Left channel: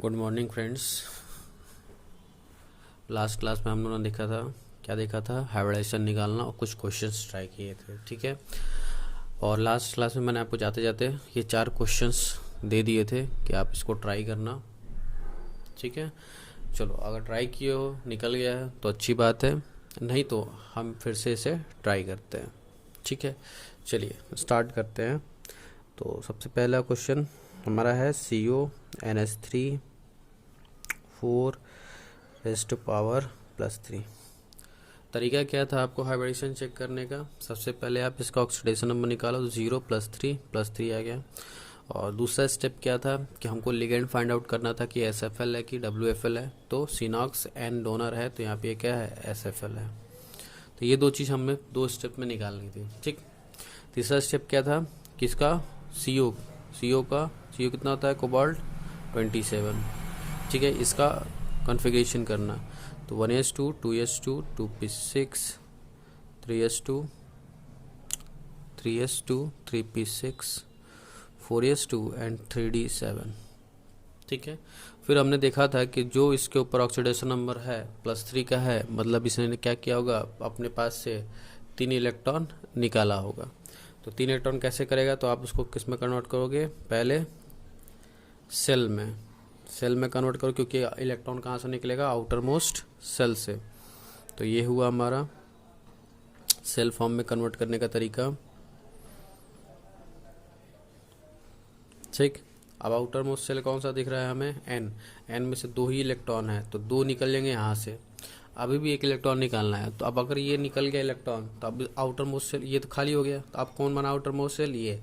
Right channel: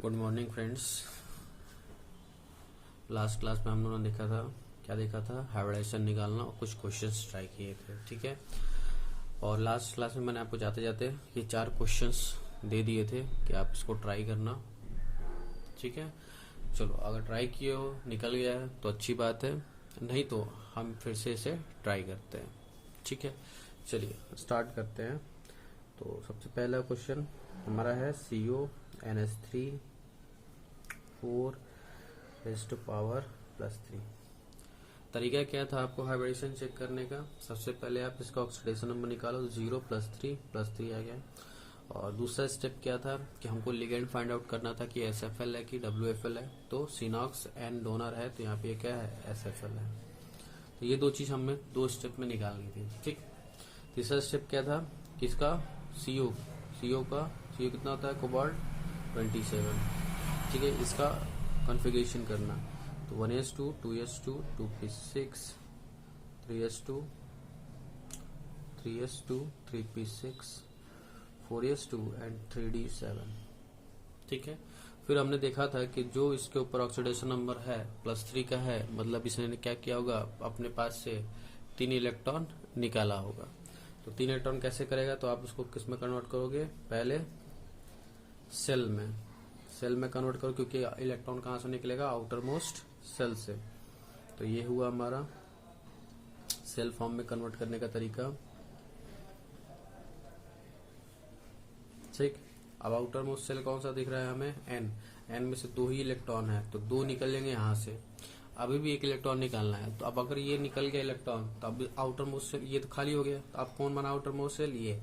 Good morning friends. Last class में हम लोगों ने देखा था हाइब्रिडाइजेशन निकालना और कुछ क्वेश्चंस ट्राई किए थे, ठीक है। और लास्ट क्लास में मैंने आपको जाते जाते ये 4 क्वेश्चंस दे दिए थे कि आप इसको ट्राई करना, ठीक है। चलो, अगर ट्राई किए हो, निकल गया है तो अच्छी बात है, नहीं तो हम फिर से इसे ट्राई करते हैं, ठीक है। चलिए स्टार्ट करते हैं। तो सबसे पहला क्वेश्चन हमारा है CONH3 4⁻3। तरीका क्या था आपको हाइब्रिडेशन चेक करने का? सबसे पहले आप इसका ऑक्सीडेशन नंबर निकालो, तो 0 + 3 आ गया। और दूसरा स्टेप क्या था कि हमको लिगेंड फाइंड आउट करना था कि SFL है कि WFL है। तो सिनॉक्स N डोनर है, तो यहाँ पे क्या है, SFL है। तो ये दो चीज़ हमें 2 स्टेप में निकालनी थी, ठीक। तीसरा स्टेप क्या था, किसका? CO कितना होता है, कोबाल्ट 27, ठीक है। इसका कॉन्फ़िगरेशन करना, तो 1s2 2s2 2p6 3s2 3p6 4s2 and 3d7, ठीक है। फिर हमने देखा था कि जो इसके ऊपर ऑक्सीडेशन नंबर है +3 का है, मतलब इसने क्या किया होगा, अपने पास से 3 इलेक्ट्रॉन निकाला होगा। तो 3 इलेक्ट्रॉन कैसे करेगा, तो आप इसको किस में कन्वर्ट करोगे? पहले सेल में कन्वर्ट करो, क्योंकि इलेक्ट्रॉन कहाँ से निकलेगा? आउटर मोस्ट सेल से। तो ये हुआ हमारा सेल फॉर्म में कन्वर्ट करने का तरीका, ठीक। अब आउटर मोस्ट सेल कौन सा दिख रहा है हमें? N में से 2 ही इलेक्ट्रॉन है, तो 2 निकल लेंगे यहाँ से। अभी भी 1 इलेक्ट्रॉन निकालना है, तो अब अगर ये निकल गया इलेक्ट्रॉन, तो अब आउटर मोस्ट सेल ये तो खाली हो गया। तो अब कौन बना आउटर मोस्ट सेल? ये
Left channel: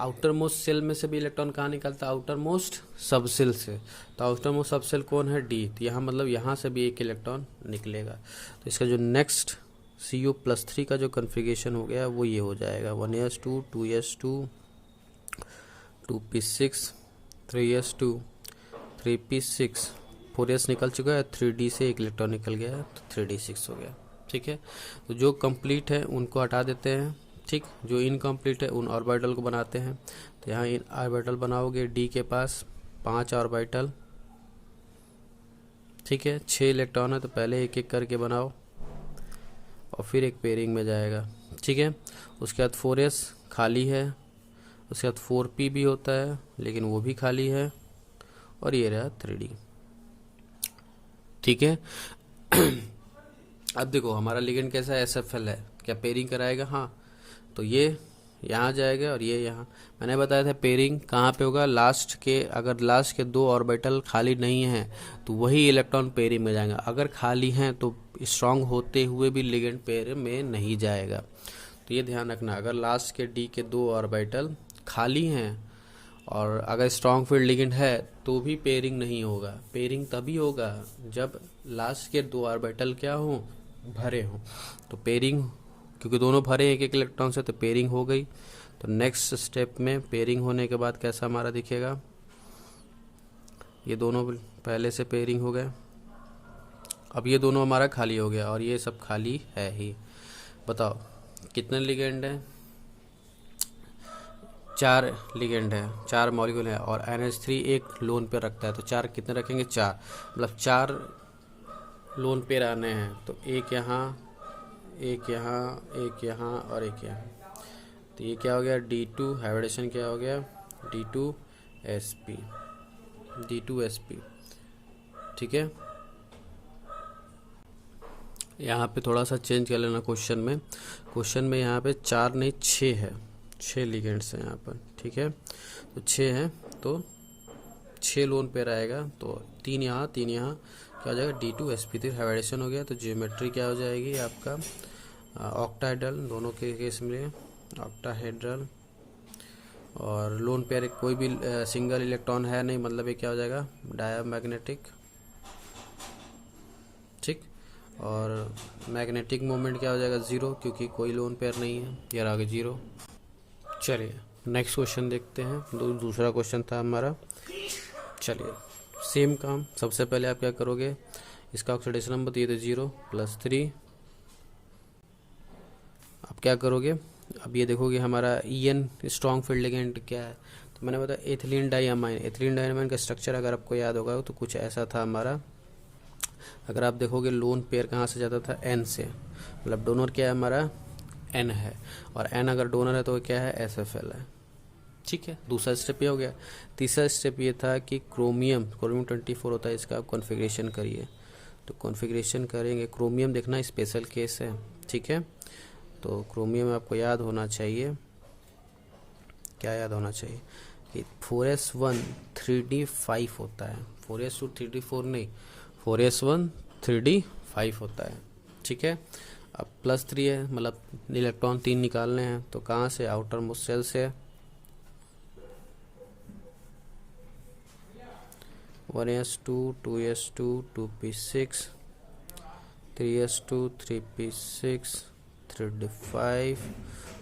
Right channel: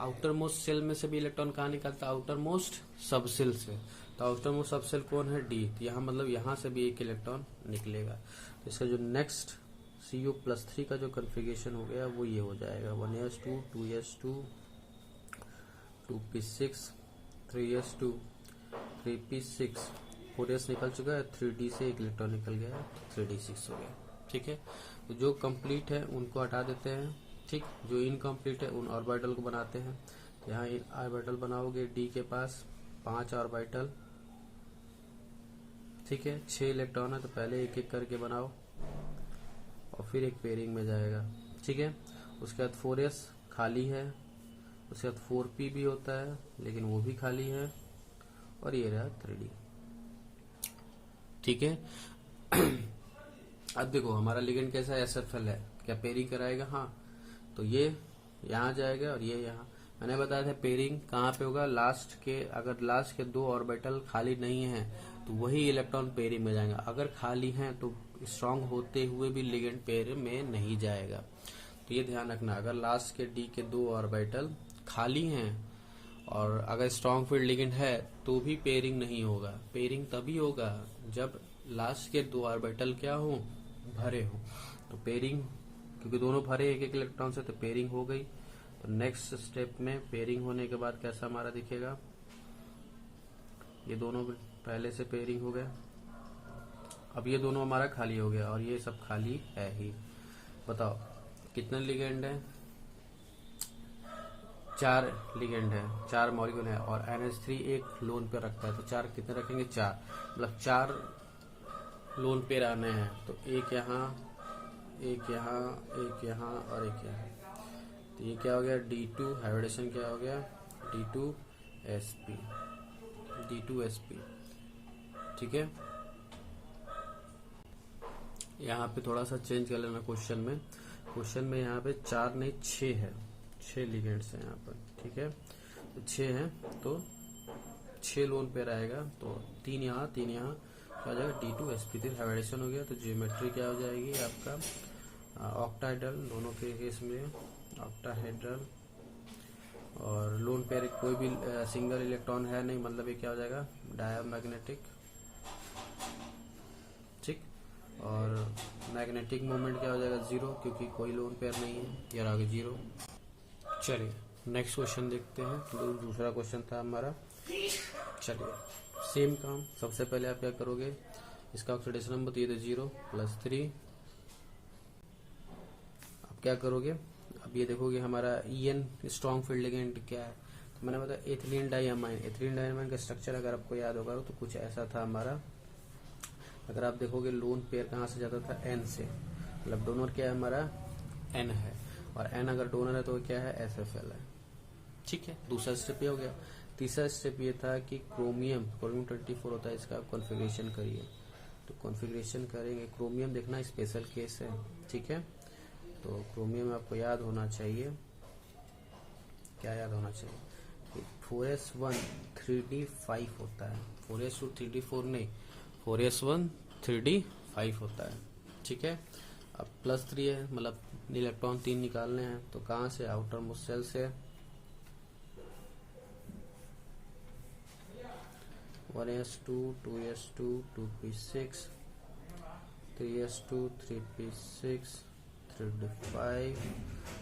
आउटर मोस्ट सेल में से भी इलेक्ट्रॉन कहाँ निकलता है? आउटर मोस्ट सब सेल से। तो आउटर मोस्ट सब सेल कौन है? D। तो यहाँ मतलब यहाँ से भी 1 इलेक्ट्रॉन निकलेगा। तो इसका जो नेक्स्ट CO+3 का जो कन्फिगरेशन हो गया वो ये हो जाएगा, 1s2 2s2 2p6 3s2 3p6 4s निकल चुका है, 3d से 1 इलेक्ट्रॉन निकल गया, तो 3d6 हो गया, ठीक है। तो जो कंप्लीट है उनको हटा देते हैं, ठीक। जो इनकम्प्लीट है उन ऑर्बिटल को बनाते हैं। तो यहाँ इन ऑर्बिटल बनाओगे, D के पास 5 ऑर्बिटल, ठीक है। 6 इलेक्ट्रॉन है, तो पहले एक एक करके बनाओ और फिर एक पेयरिंग में जाएगा, ठीक है। उसके बाद 4s खाली है, उसके बाद 4p भी होता है लेकिन वो भी खाली है, और ये रहा 3d, ठीक है। अब देखो हमारा लिगेंड कैसा है, SFL है, क्या पेयरिंग कराएगा? हाँ। तो ये यहाँ जाएगा और ये यहाँ। मैंने बताया था पेयरिंग कहाँ पे होगा, लास्ट के, अगर लास्ट के 2 ऑर्बिटल खाली नहीं हैं तो वही इलेक्ट्रॉन पेयरिंग में जाएगा। अगर खाली हैं तो स्ट्रांग होते हुए भी लिगेंड पेयर में नहीं जाएगा। तो ये ध्यान रखना, अगर लास्ट के D के 2 ऑर्बिटल खाली हैं और अगर स्ट्रांग फील्ड लिगेंड है तो भी पेयरिंग नहीं होगा। पेयरिंग तभी होगा जब लास्ट के 2 ऑर्बिटल क्या हो, भरे हो। तो पेयरिंग, क्योंकि दोनों भरे एक एक इलेक्ट्रॉन से, तो पेयरिंग हो गई। तो नेक्स्ट स्टेप में पेयरिंग होने के बाद कैसा हमारा दिखेगा, ये दोनों पहले से पेयरिंग हो गए, अब ये दोनों हमारा खाली हो गया और ये सब खाली है ही। बताओ कितने लिगेंड है? 4 लिगेंड है, 4 मॉलिक्यूल है, और NH3 एक लोन पे रखता है, तो 4 कितने रखेंगे? 4, मतलब 4 लोन पे रहने हैं। तो एक यहाँ, एक यहाँ, एक यहाँ और एक यहाँ। तो ये क्या हो गया? D2 हाइब्रिडेशन क्या हो गया? D2sp, ठीक है। यहाँ पे थोड़ा सा चेंज कर लेना क्वेश्चन में यहाँ पे 4 नहीं 6 है, 6 लिगेंड्स हैं यहाँ पर, ठीक है। तो 6 हैं, तो 6 लोन पे रहेगा, तो 3 यहाँ 3 यहाँ, क्या हो जाएगा? D2sp3 हाइब्रिडेशन हो गया। तो ज्योमेट्री क्या हो जाएगी आपका? ऑक्टाहेड्रल, दोनों के केस में ऑक्टाहेड्रल, और लोन पेयर कोई भी सिंगल इलेक्ट्रॉन है नहीं, मतलब ये क्या हो जाएगा? डायमैग्नेटिक, ठीक। और मैग्नेटिक मोमेंट क्या हो जाएगा? 0, क्योंकि कोई लोन पेयर नहीं है, ये आ गया 0। चलिए नेक्स्ट क्वेश्चन देखते हैं। दूसरा क्वेश्चन था हमारा। चलिए सेम काम, सबसे पहले आप क्या करोगे, इसका ऑक्सीडेशन नंबर दिए थे 0 + 3। अब क्या करोगे, अब ये देखोगे हमारा EN स्ट्रॉन्ग फील्ड लिगेंड क्या है, तो मैंने बताया एथिलीन डाइअमाइन। एथिलीन डाइअमाइन का स्ट्रक्चर अगर आपको याद होगा तो कुछ ऐसा था हमारा। अगर आप देखोगे लोन पेयर कहाँ से जाता था, एन से, मतलब डोनर क्या है हमारा, एन है, और एन अगर डोनर है तो क्या है, SFL है। ठीक है, दूसरा स्टेप ये हो गया। तीसरा स्टेप ये था कि क्रोमियम 24 होता है, इसका आप कॉन्फ़िगरेशन करिए। तो कॉन्फ़िगरेशन करेंगे, क्रोमियम देखना स्पेशल केस है। ठीक है, तो क्रोमियम आपको याद होना चाहिए, क्या याद होना चाहिए कि 4s1 3d5 होता है। 4s2 3d4 नहीं, 4s1 3d5 होता है। ठीक है, अब +3 है, मतलब इलेक्ट्रॉन 3 निकालने हैं, तो कहाँ से, आउटर मोस्ट शेल से। 1s2 2s2 2p6 3s2 3p6 3d5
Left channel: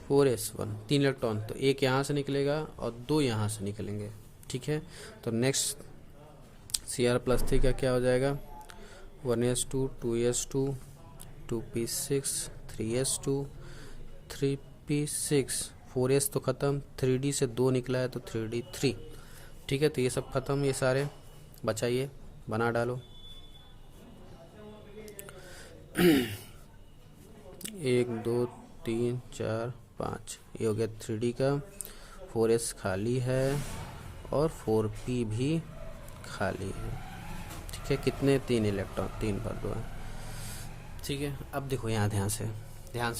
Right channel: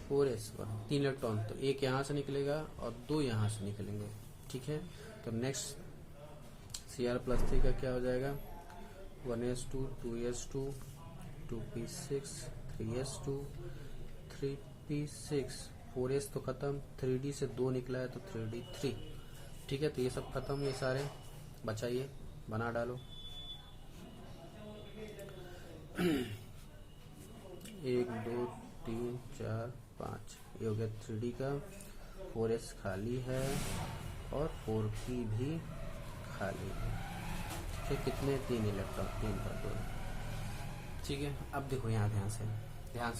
4s1, 3 electron, तो एक यहाँ से निकलेगा और 2 यहाँ से निकलेंगे। ठीक है, तो नेक्स्ट Cr+3 का क्या हो जाएगा, 1s2 2s2 2p6 3s2 3p6 4s तो ख़त्म, 3d से 2 निकला है तो 3d3। ठीक है, तो ये सब ख़त्म, ये सारे बचाइए, बना डालो। 1 2 3 4 5, ये हो गया 3d का। 4s खाली है और 4p भी खाली है। ठीक है, कितने, 3 इलेक्ट्रॉन, 3 पर 2 है। ठीक है, अब देखो यहाँ ध्यान से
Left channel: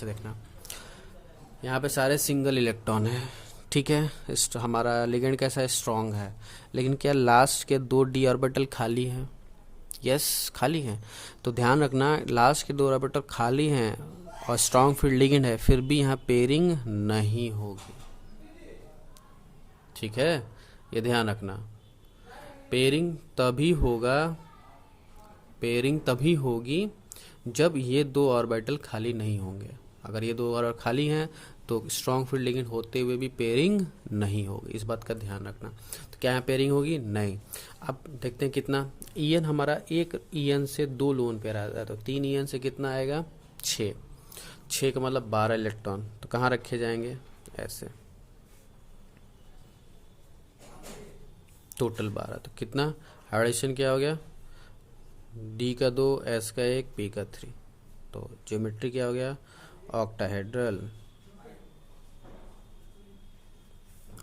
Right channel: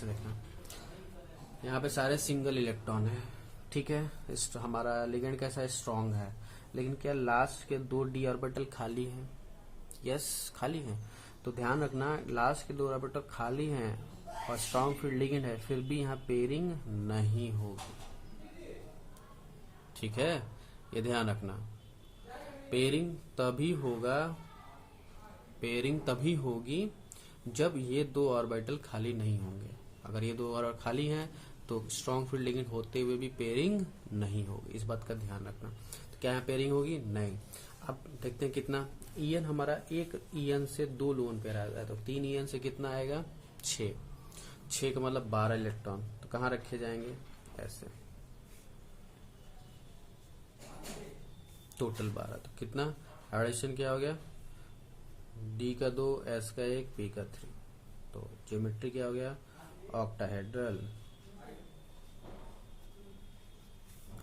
देखना, यहाँ पे सारे सिंगल इलेक्ट्रॉन है। ठीक है, हमारा लिगेंड कैसा है, स्ट्रॉन्ग है, लेकिन क्या लास्ट के 2 d ऑर्बिटल खाली हैं, यस खाली हैं। तो ध्यान रखना, लास्ट के 2 ऑर्बिटल खाली हैं और स्ट्रॉन्ग फील्ड लिगेंड है, फिर भी यहाँ पेयरिंग नहीं होगी। ठीक है, ये ध्यान रखना, पेयरिंग तभी होगी जब ये 2 ऑर्बिटल खाली नहीं होंगे। अगर ये 2 ऑर्बिटल खाली हैं तो स्ट्रॉन्ग फील्ड लिगेंड होते हुए भी पेयरिंग नहीं होगी, इस बात का ध्यान रखना। तो क्या यहाँ पेयरिंग होगी, नहीं। अब देखते हैं कितना, EN हमारा, एक EN से 2 लोन पेयर आता है, तो 3 EN से कितना आएगा, 6 का मतलब 12 इलेक्ट्रॉन, तो कहाँ रखे जाएंगे, ऐसे, टोटल 12, तो कितना हाइब्रिडेशन क्या हो गया, D का 2, S का 1, P का 3, तो ज्योमेट्री क्या हो गया, ऑक्टाहेड्रल।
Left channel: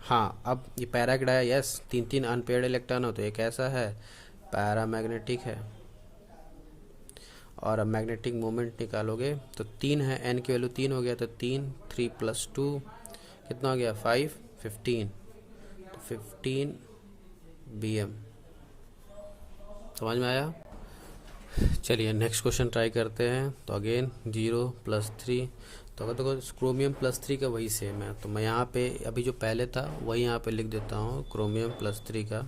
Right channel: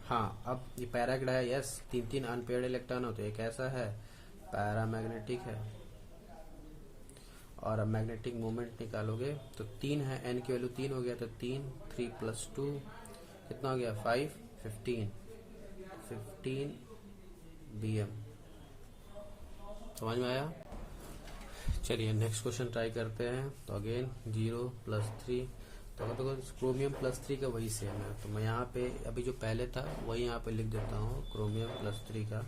हाँ, अब ये पैराग्ड है, यस, 3 अनपेयर्ड इलेक्ट्रॉन हो, तो एक ऐसा है, पैरामैग्नेटिक है। और अब मैग्नेटिक मोमेंट निकालोगे तो 3 है, n की वैल्यू 3 हो गया, तो 3 + 2 कितना हो गया, 5 15, तो 15 bm। समझ में आया। चलिए नेक्स्ट क्वेश्चन ट्राई करते हैं। तो अगेन 0 + 3, तो अगर देखो क्रोमियम +3 का वही सेम है, तो मैं यहाँ पे अभी जो पहले था वही यहाँ पे लिख देता हूँ, क्रोमियम +3 का।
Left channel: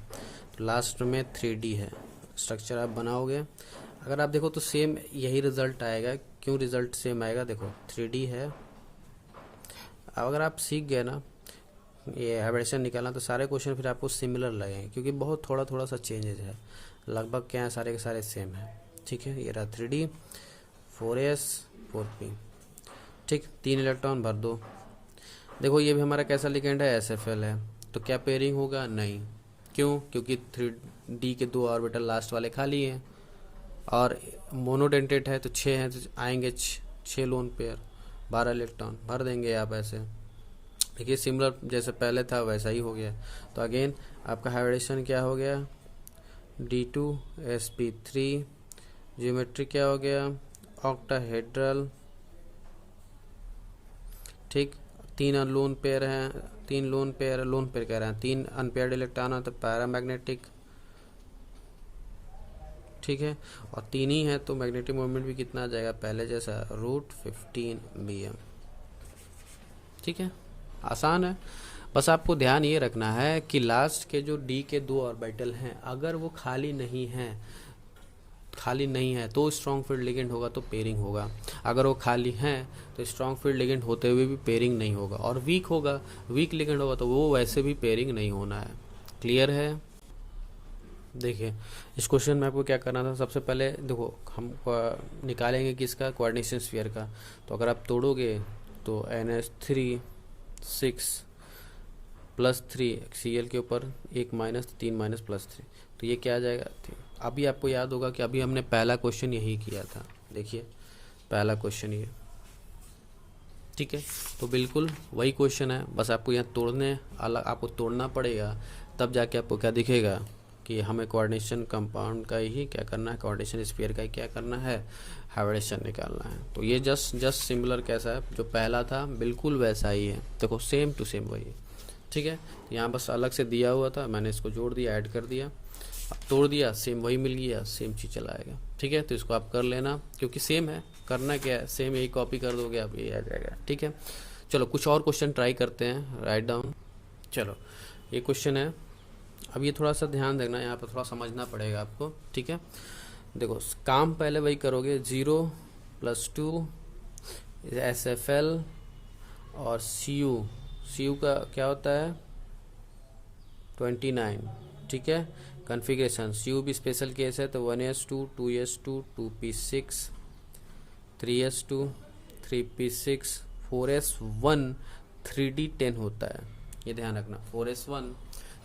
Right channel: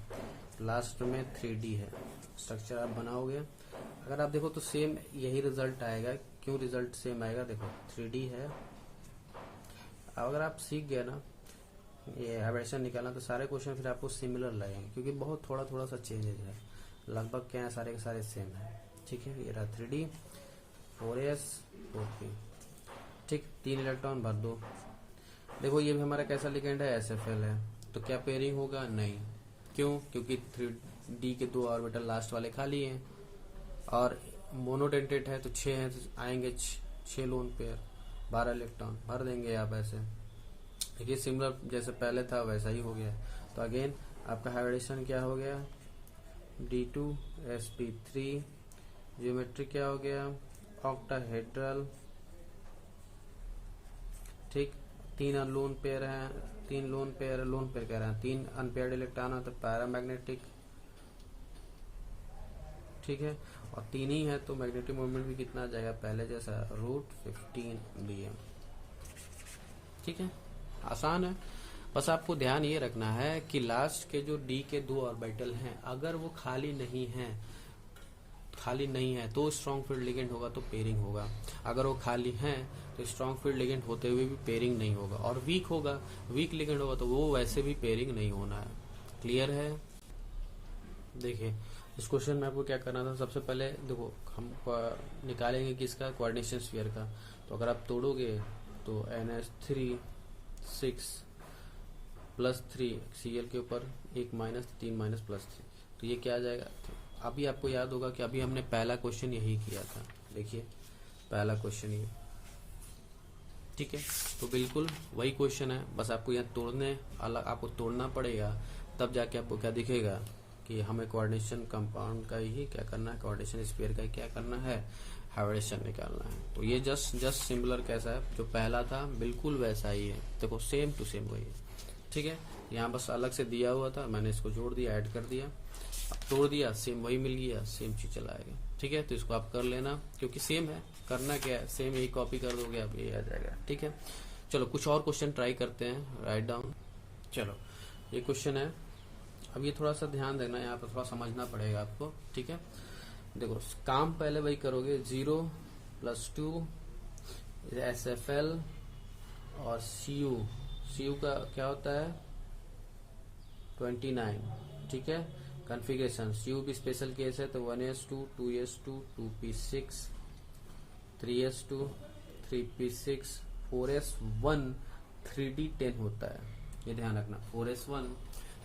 तो लास्ट में 3d है, स्ट्रक्चर आप बनाओगे, अगर आप देखो तो सेम यही रिजल्ट आएगा। क्यों रिजल्ट सेम आएगा, देखो 3d है। अब अगर आप सीख गए ना ये हाइब्रिडेशन निकालना, तो सारे क्वेश्चन फिर आपको सिमिलर लगेंगे, क्योंकि बहुत थोड़ा सा चेंजेज है, लगभग क्या है, सारे के सारे सेम है। ठीक है, ये रहा 3d 4s 4p। ठीक, 3 इलेक्ट्रॉन भर दो। देखो ये भी हमारा कैसा लिगेंड है, SFL है, तो क्या पेयरिंग होगा, नहीं। क्यों, क्योंकि 3d के 2 ऑर्बिटल लास्ट वाले खाली हैं और मोनोडेंटेट है, तो 6 हैं, तो आएंगे 6 लोन पेयर, 12 इलेक्ट्रॉन भर देंगे आप ऐसे। देखिए सिमिलर जैसे पहले था वैसा ही हो गया। तो अगेन आपका हाइब्रिडेशन क्या हो गया, D2 sp3, ज्योमेट्री क्या हो गया, ऑक्टाहेड्रल। ठीक, 3 लोन पेयर हैं, 3 लोन पेयर कह रहे हैं, 3 अनपेयर्ड इलेक्ट्रॉन है तो पैरामैग्नेटिक। ठीक है, और 3 ही है तो मैग्नेटिक मोमेंट भी कितना आ जाएगा, पहले जैसा, √15 bm। ठीक है, आसान है, बस आपको ध्यान ये रखना है कि लास्ट के जो D के 2 ऑर्बिटल हैं, अगर वो खाली नहीं है तो स्ट्रॉन्ग फील्ड लिगेंड होगा तो पेयरिंग होगा। अगर वो खाली हैं तो स्ट्रॉन्ग फील्ड लिगेंड होते हुए भी पेयरिंग नहीं होगा, और वीक लिगेंड होगा तो वो वैसे भी पेयरिंग नहीं होना है। क्लियर है। देखिए इस क्वेश्चन में आपको क्या करना था, सबसे पहले देखो हम निकालेंगे किसका, कोऑर्डिनेशन स्फीयर का। तो अगर आप तोड़ोगे तो NH3 6 +3 Cl के ऊपर एक माइनस, 3 माइनस +3, तो ये क्या आ जाएगा। अभी आपको याद होगा कि अभी हमने पहला क्वेश्चन यही किया था, देखिए पहला क्वेश्चन ये, ठीक है। तो बिल्कुल वही क्वेश्चन है, बस आपको यहाँ तोड़ने अलग आपको तोड़ना पड़ेगा, तब जाके आपको क्या दिखेगा कि हमें कोऑर्डिनेशन कंपाउंड का ही क्या करना है, कोऑर्डिनेशन स्फीयर का ही क्या करना है, हाइब्रिडेशन निकालना है। तो ये जस्ट सिमिलर कैसा है, जो पहला था बिल्कुल वैसा ही है, देखो सेम टू सेम वही है, ठीक है। यहाँ बस अलग से दिया हुआ था, मैंने इसको जोड़ दिया, ऐड कर दिया, तोड़ दिया, सेम वही मिल गया, सेम चीज चला आएगा, ठीक है। तो इसको आप कर लेना, क्योंकि सेम है, करना क्या है, सेम यही कॉपी कर दोगे आप, ये आ जाएगा, ठीक है। चलो कुछ और क्वेश्चन ट्राई करते हैं, राइट डाउन। चलो ये क्वेश्चन है, अब ये थोड़ा सा ध्यान देना, यहाँ पर थोड़ा समझना पड़ेगा आपको, ठीक है। देखो काम पहले वही करोगे, 0 + 2 SFL और CU का क्या होता है 29, ठीक है। कॉन्फ़िगरेशन CU भी स्पेशल केस है, तो 1s2 2s2 2p6 3s2 3p6 4s1 3d10 होता है, ये ध्यान रखना, 4s1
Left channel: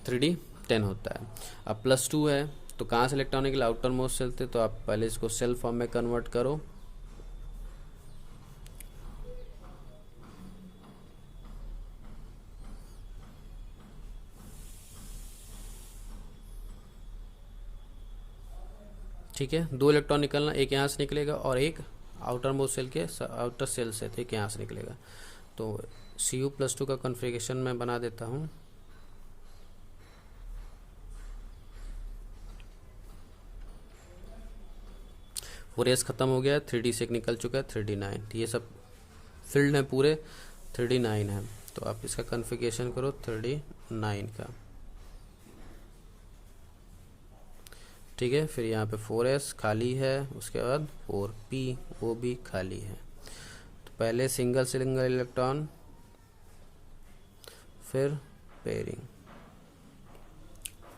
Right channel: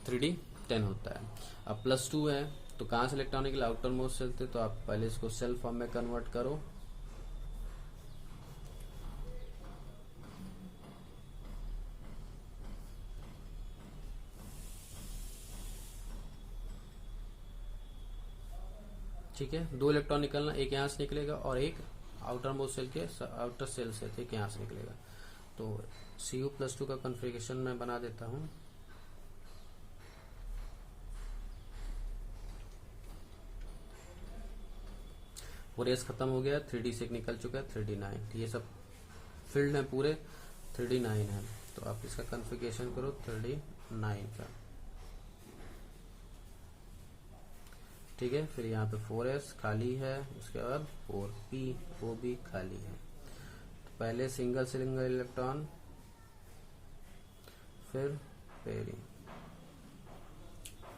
3d10 होता है। अब +2 है, तो कहाँ सेलेक्ट होने के लिए, आउटर मोस्ट सेल थे, तो आप पहले इसको सेल फॉर्म में कन्वर्ट करो, ठीक है। 2 इलेक्ट्रॉन निकलना, एक यहाँ से निकलेगा और एक आउटर मोस्ट सेल के आउटर सेल से थे, यहाँ से निकलेगा। तो Cu+2 का कॉन्फ़िगरेशन मैं बना देता हूँ, पूरे एस खत्म हो गया, 3d से निकल चुका है 3d9, ये सब फील्ड है पूरे 3d9 है, तो आप इसका कॉन्फ़िगरेशन करो 3d9 का, ठीक है। फिर यहाँ पे 4s खाली है, उसके बाद 4p वो भी खाली है। तो पहले सिंगल इलेक्ट्रॉन, फिर पेयरिंग,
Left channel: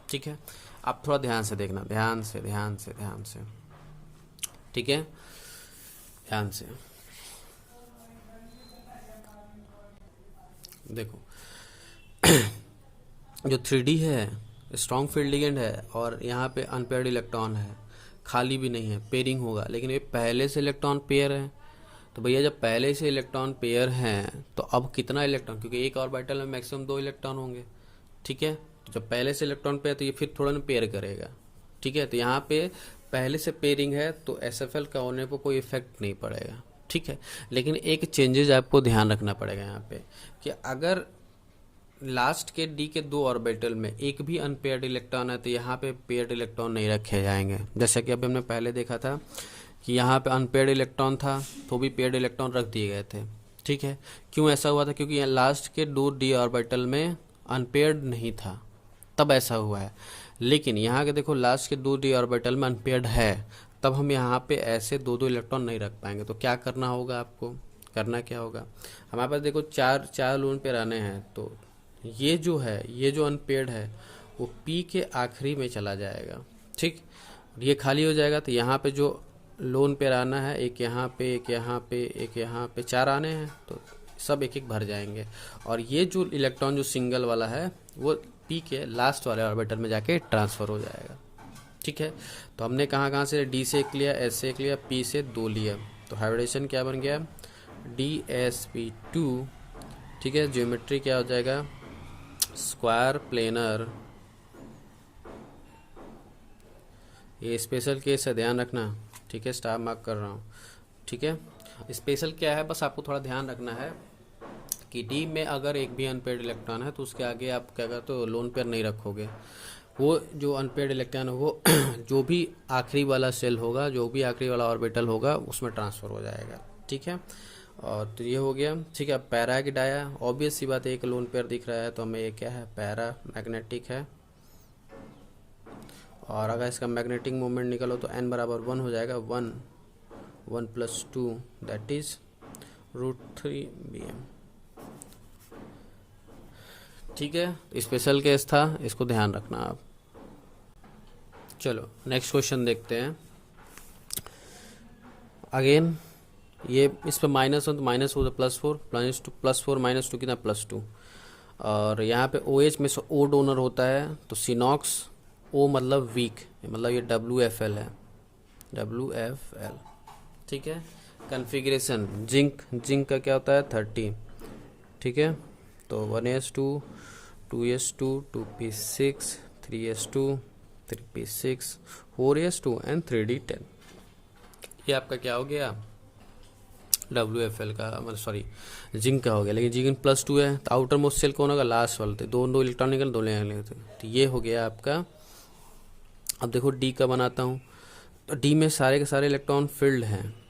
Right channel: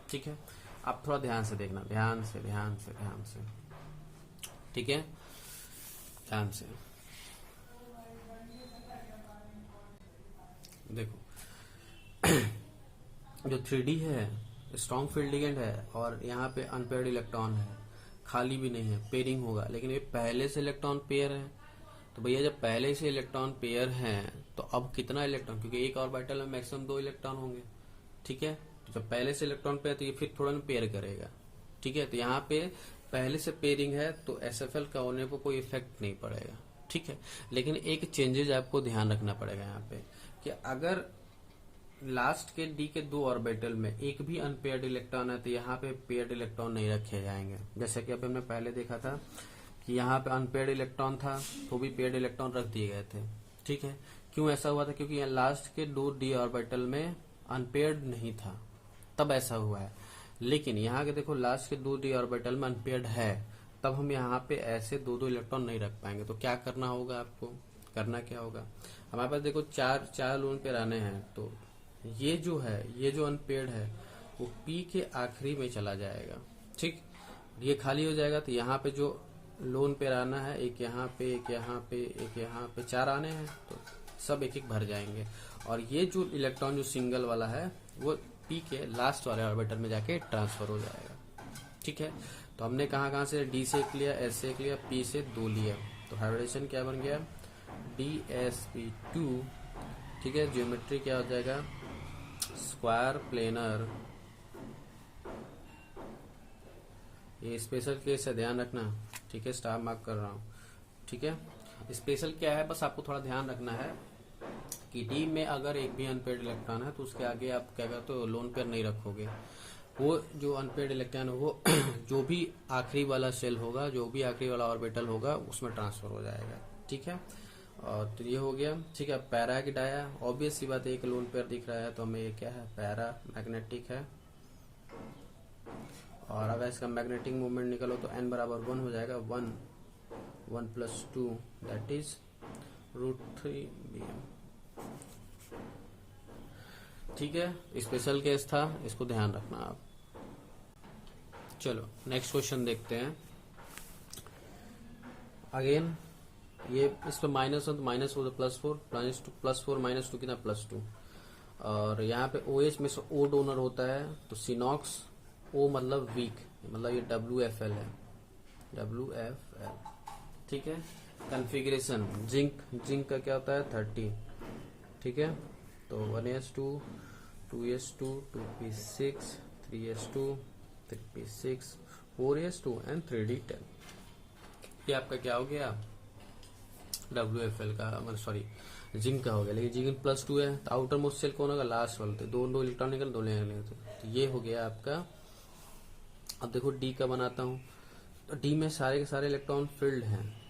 ठीक है। आप थोड़ा ध्यान से देखना, ध्यान से, ठीक है, ध्यान से देखो। जो 3D है स्ट्रॉन्ग फील्ड लिगेंड है, और यहाँ पे अनपेयर्ड इलेक्ट्रॉन है, खाली भी नहीं है, पेयरिंग होगा, लेकिन ये पहले से इलेक्ट्रॉन पेयर है, तो भैया जब पहले से इलेक्ट्रॉन पेयर हैं तो अब कितना इलेक्ट्रॉन, क्योंकि एक ऑर्बिटल में मैक्सिमम 2 इलेक्ट्रॉन होंगे, ठीक है। तो जब पहले से इलेक्ट्रॉन पेयर, तो ये फिर थोड़ा ना पेयर करेगा, ठीक है। तो यहाँ पे पहले से पेयरिंग है, तो SFL का होने को कोई इफेक्ट नहीं पड़ेगा, ठीक है। लेकिन एक चेंजेस आपको ध्यान रखना पड़ेगा यहाँ पे, कि अगर लास्ट के D के 2 ऑर्बिटल में एक भी अनपेयर्ड इलेक्ट्रॉन है, तो यहाँ पे पेयर्ड इलेक्ट्रॉन नहीं रखे जाएंगे। जैसा कि अभी हमने पहले देखा था कि यहाँ पे अनपेयर्ड इलेक्ट्रॉन था, तो भी पेयर्ड इलेक्ट्रॉन रख दिए गए थे, ठीक है। क्यों ऐसा हुआ था, क्योंकि यहाँ लास्ट के 2 D ऑर्बिटल में अनपेयर्ड नहीं था, तब ऐसा हुआ है। लेकिन यहाँ के देखो लास्ट के 2 D ऑर्बिटल में अनपेयर्ड है, तब हम यहाँ पे ऐसे 2 इलेक्ट्रॉन नहीं रख पाएंगे। तो क्या करना होगा, आपको करना क्या होगा, हमारे पास देखो चार लोन पेयर आने हैं, तो ये जो अनपेयर्ड है वो P के आखिरी में चला जाएगा, ठीक। ये खाली हो जाएगा, तो यहाँ पे जो लोन पेयर आना है, एक यहाँ पे, एक यहाँ पे, एक यहाँ पे, 4 आने हैं, तो सब एक एक भर जाएंगे। और ये जो इलेक्ट्रॉन जो सिंगल वाला है वो P के लास्ट वाले ऑर्बिटल में जाके ट्रांसफर हो जाएगा, ठीक है। तो हमने कहाँ से D से 1 लिया, S से 1 लिया, P से 2 लिया, तो हाइब्रिडेशन क्या बन गया DsP2, ठीक है। ज्योमेट्री क्या हो जाएगा, स्क्वायर प्लेनर, ये स्पेशल केस है, ध्यान रखना, ठीक है, स्टार मार्क कर रहा हूँ, ठीक है। स्पेशल क्या है, बस आपको थोड़ा ध्यान रखना है कि डी में अगर एक भी अनपेयर्ड इलेक्ट्रॉन है, तो उसके आगे आप क्या करते हो, लोन पेयर नहीं रखोगे। वो जो अनपेयर्ड इलेक्ट्रॉन है वो जो भी आखिरी वाला सेल होगा, जो भी आखिरी वाला ऑर्बिटल होगा, उसमें ट्रांसफर हो जाएगा, ठीक है। और तो ये हो गया, ठीक है। पैरा की डाया, ऑब्वियस सी बात है, एक लोन पेयर दिख रहा है, तो हमें ये क्या है, पैरा मैग्नेटिक है। और अगर इसका मैग्नेटिक मोमेंट निकलो तो n बराबर 1 हो जाएगा, 1 + 2 दैट इज √3bm, ठीक है। स्पेशल केस था, इसको ध्यान रखना आप। चलो नेक्स्ट क्वेश्चन देखते हैं। अगेन ये इस पर -1 तो -4 +4 +4 -2 कितना +2। और यहाँ पे OH में से O डोनर होता है, तो सिनॉक्स O मतलब वीक, मतलब ये WFL है, WFL। ठीक है। कन्फिग्रेशन जिंक का क्या होता है 30। ठीक है, तो 1s2 2s2 2p6 3s2 3p6 4s2 and 3d10। ये आपका क्या हो गया WFL का, मतलब सॉरी जिंक का हो गया। लेकिन जिंक +2 है तो आउटर मोस्ट शेल कौन होगा, लास्ट वाले, दो इलेक्ट्रॉन निकल, दो निकल, तो ये हो गया आपका। अब देखो डी का बनाता हूँ, तो डी में सारे के सारे इलेक्ट्रॉन फिल्ड हैं।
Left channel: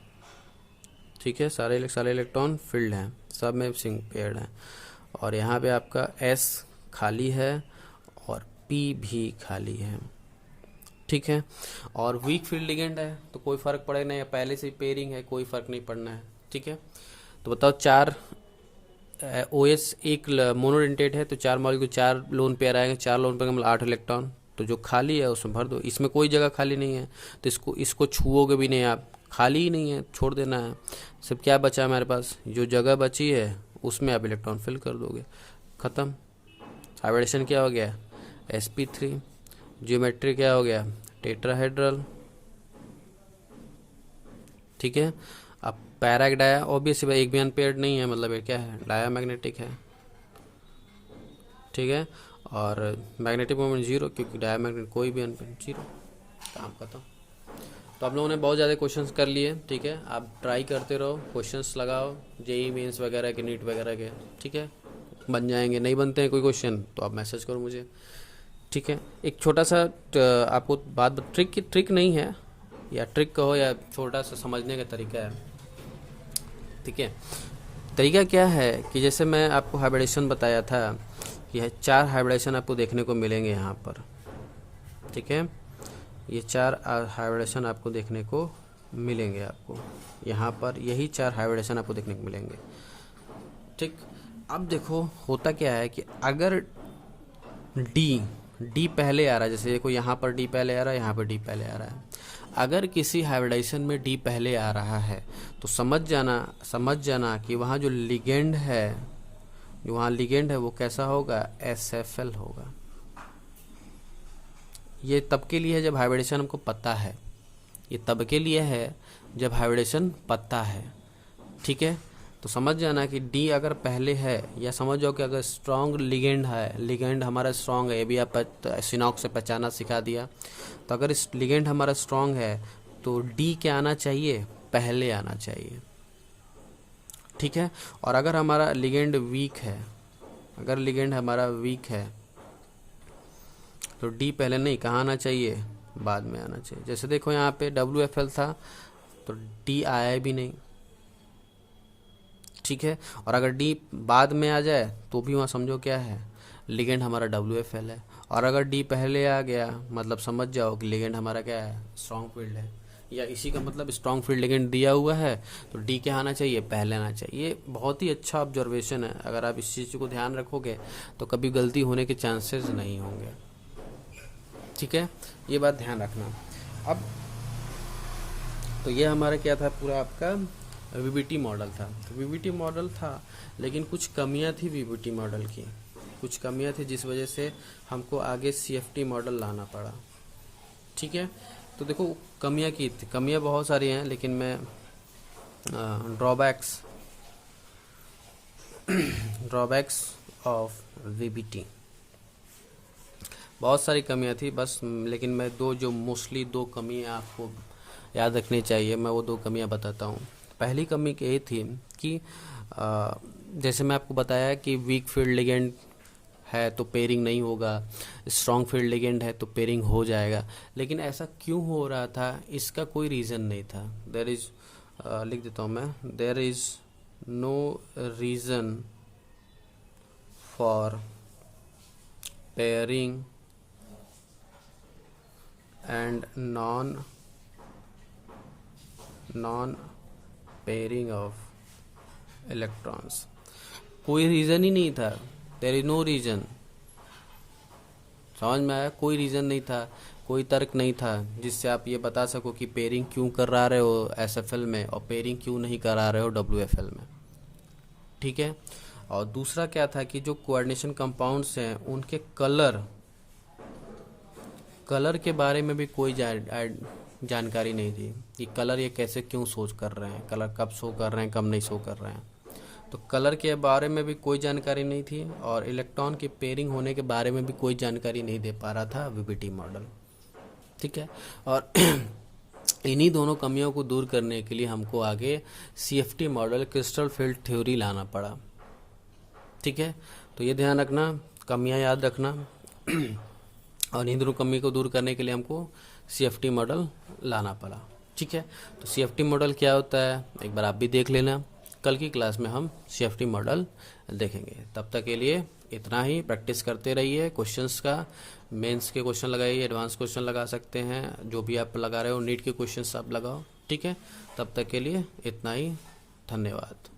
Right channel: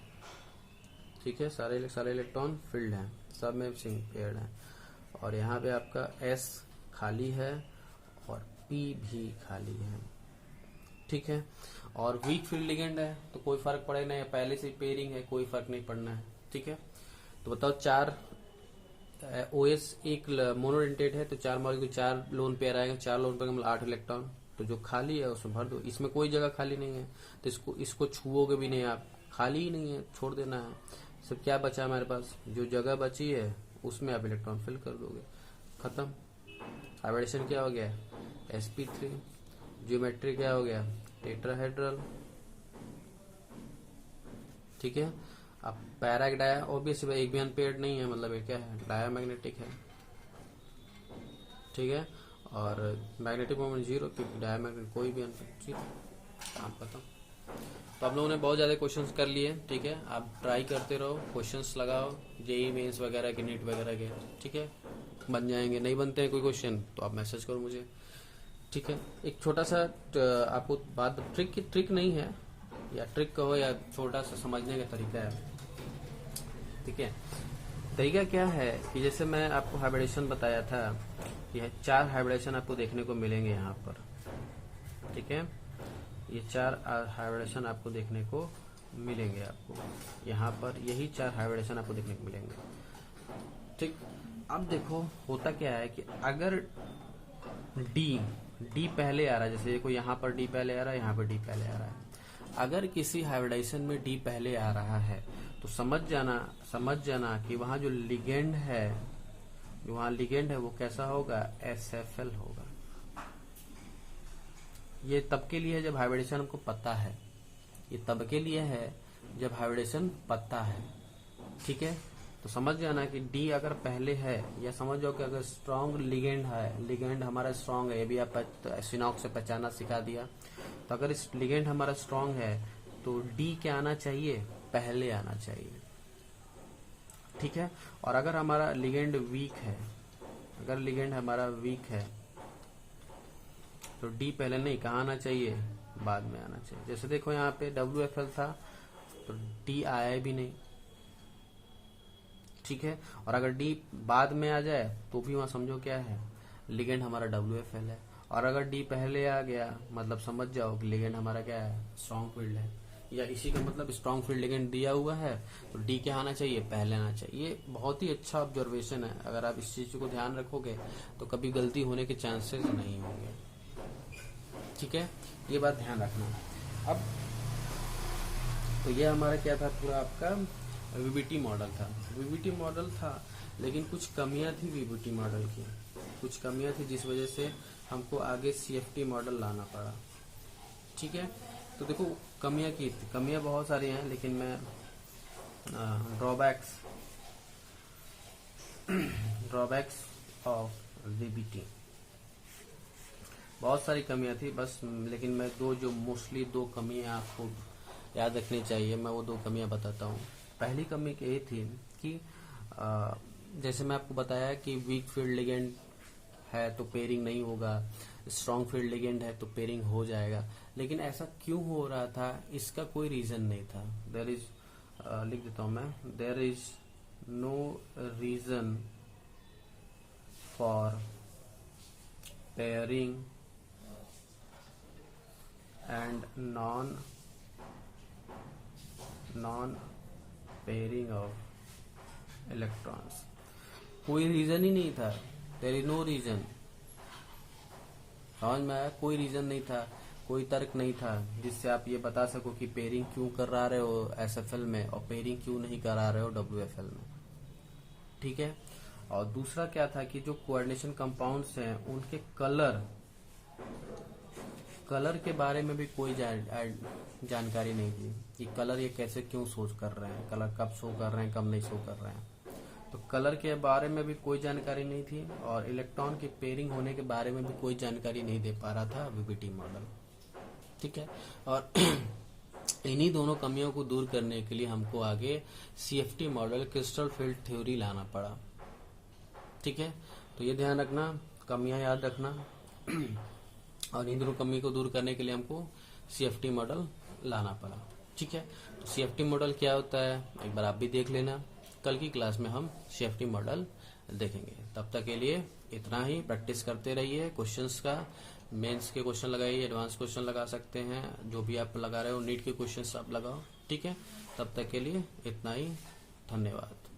ठीक है, सारे इलेक्ट्रॉन फिल्ड हैं, सब में सिंक पेयर्ड है। और यहाँ पे आपका S खाली है और P भी खाली है। ठीक है, और वीक फील्ड लिगेंड है तो कोई फर्क पड़े नहीं, पहले से पेयरिंग है, कोई फर्क नहीं पड़ना है। ठीक है, तो बताओ 4 OS एक मोनोडेंटेट है तो 4 मॉलिक्यूल 4 लोन पेयर आएंगे, 4 लोन पेयर मतलब 8 इलेक्ट्रॉन, तो जो खाली है उसमें भर दो। इसमें कोई जगह खाली नहीं है तो इसको छुओगे भी नहीं आप, खाली ही नहीं है, छोड़ देना है। सिर्फ क्या बचा हमारे पास, जो जगह बची है उसमें आप इलेक्ट्रॉन फिल कर दोगे, ख़त्म। हाइब्रिडेशन क्या हो गया sp3, ज्योमेट्री क्या हो गया टेट्राहेड्रल। ठीक है, अब पैरा डाया ऑब्वियसली एक भी अनपेयर्ड नहीं है, मतलब ये क्या है डायामैग्नेटिक है। ठीक है, और मैग्नेटिक मोमेंट 0 क्योंकि डायामैग्नेटिक कोई भी अनपेयर्ड 0, काम खत्म। तो आप लोगों ने बहुत ज़्यादा क्वेश्चंस कर लिए। ठीक है, आप ट्राई करते रहो, क्वेश्चंस लगाओ जेई मेंस वगैरह के, नीट वगैरह के। ठीक है, बन जाएंगे, नहीं बनते हैं कोई क्वेश्चन तो आप मैसेज करो मुझे। ठीक है, एक छोटा सा आपको बात, ट्रिक नहीं है, या ट्रिक कहो या छोटा सा समझने का तरीका है। ठीक है, तरीका क्या है कि जैसे मैं आपको हाइब्रिडेशन बताया था, यह 4 हाइब्रिडेशन आपको देखने को मिलेंगे यहाँ पर। ठीक है, ये 4 हाइब्रिडेशन आपको देखने को मिलेंगे, आपको यहाँ पर यही 4 हाइब्रिडेशन आपको देखने को मिलेंगे। ठीक, अब देखो होता क्या है कि अगर डी पहले आ रहा है, जैसे देखो यहाँ पर डी पहले आ रहा है, यहाँ पर डी पहले आ रहा है। अगर किसी हाइब्रिडाइजेशन में डी पहले आ रहा है तो समझ जाना कि वहाँ जो लिगेंड है, वो कैसा होगा SFL होगा। ये तब के लिए है जब हाइब्रिडेशन हमको पता है, ये तब के लिए है जब हाइब्रिडेशन पता है। ठीक है, तो समझ जाना कि डी अगर पहले है, या समझ जाओ कि अगर स्ट्रॉन्ग लिगेंड है, लिगेंड हमारा स्ट्रॉन्ग है, ये भी आप सिनॉक्स से पहचाना सिखा दिया। तो अगर इस लिगेंड हमारा स्ट्रॉन्ग है तो डी क्या आना चाहिए, पहले आना चाहिए। ठीक है, और अगर हमारा लिगेंड वीक है, अगर लिगेंड हमारा वीक है तो डी पहले नहीं, कहाँ आना चाहिए, बाद में आना चाहिए। जैसे देखो यहाँ पे WFL था तो डी आया भी नहीं। ठीक है, और अगर डी बाद में आ जाए तो भी वहाँ समझो क्या है, लिगेंड हमारा WFL है। और अगर डी पहले आ गया मतलब समझ जाओ कि लिगेंड हमारा क्या है, स्ट्रॉन्ग फील्ड है, या इसी का मतलब स्ट्रॉन्ग फील्ड लिगेंड दिया हुआ है तो डी क्या आना चाहिए, पहले आना चाहिए। ये बहुत ही अच्छा ऑब्जर्वेशन है, अगर आप इस चीज़ को ध्यान रखोगे तो कभी गलती होने के चांसेस नहीं होंगे। ठीक है, ये बात ध्यान रखना। अब तो ये हमारा क्या था, पूरा आपका VBT मॉडल था, लेकिन कुछ कमियां थी VBT मॉडल की, कुछ कमियां थी जिस वजह से हमको आगे CFT मॉडल लाना पड़ा। ठीक है, तो देखो कमियां बहुत सारी हैं, लेकिन मैं ड्रॉबैक्स ऑफ VBT, बहुत सारी कमियां थी बस, लेकिन मैं मोस्टली दो कमियां आपको याद रखनी चाहिए, मैं वो 2 कमियां बताता हूँ। पहली कमी ये थी कि जैसे मैं आपको बताया कि वीक फील्ड लिगेंड है तो पेयरिंग नहीं होगा, स्ट्रॉन्ग फील्ड लिगेंड है तो पेयरिंग हो जाएगा। लेकिन ऐसा क्यों हो रहा था, इसका कोई रीज़न नहीं था। लिख देता हूँ मैं, there is no reason for pairing and non pairing of electrons. कोई रीज़न ही नहीं था, देयर इज नो रीज़न। समझ में आया, कोई रीज़न नहीं था, कोई तर्क नहीं था जिससे आप ये बता सको कि पेयरिंग क्यों करा रहे हो SFL में और पेयरिंग क्यों नहीं करा रहे हो WFL में। ठीक है, और दूसरा क्या था कि जो कोऑर्डिनेशन कंपाउंड्स हैं उनके कलर के बारे में भी कोई जानकारी नहीं थी कि कलर ये कैसे क्यों शो कर रहे हैं, कलर कब शो कर रहे हैं, कब नहीं शो कर रहे हैं। तो कलर के बारे में भी कोई जानकारी नहीं थी और इलेक्ट्रॉन की पेयरिंग होने के बारे में भी कोई जानकारी नहीं दे पा रहा था वीबीटी मॉडल। ठीक है, और इन्हीं दोनों कमियों को दूर करने के लिए हमको आगे CFT model, crystal field theory लाना पड़ा। ठीक है, तो ये ध्यान रखना, कमियां याद रखना और इन दोनों कमी को दूर करने के लिए हमको सीएफटी मॉडल लाना पड़ा। ठीक है, तो सीएफटी मॉडल क्या होता है एक बार आप भी देख लेना। कल की क्लास में हम सीएफटी मॉडल देखेंगे। तब तक के लिए इतना ही। प्रैक्टिस करते रहिए क्वेश्चंस का। मेंस के क्वेश्चन लगाइए, एडवांस क्वेश्चन लगा सकते हैं, जो भी आप लगा रहे हो नीट के क्वेश्चंस आप लगाओ। ठीक है, तब तक के लिए इतना ही। धन्यवाद।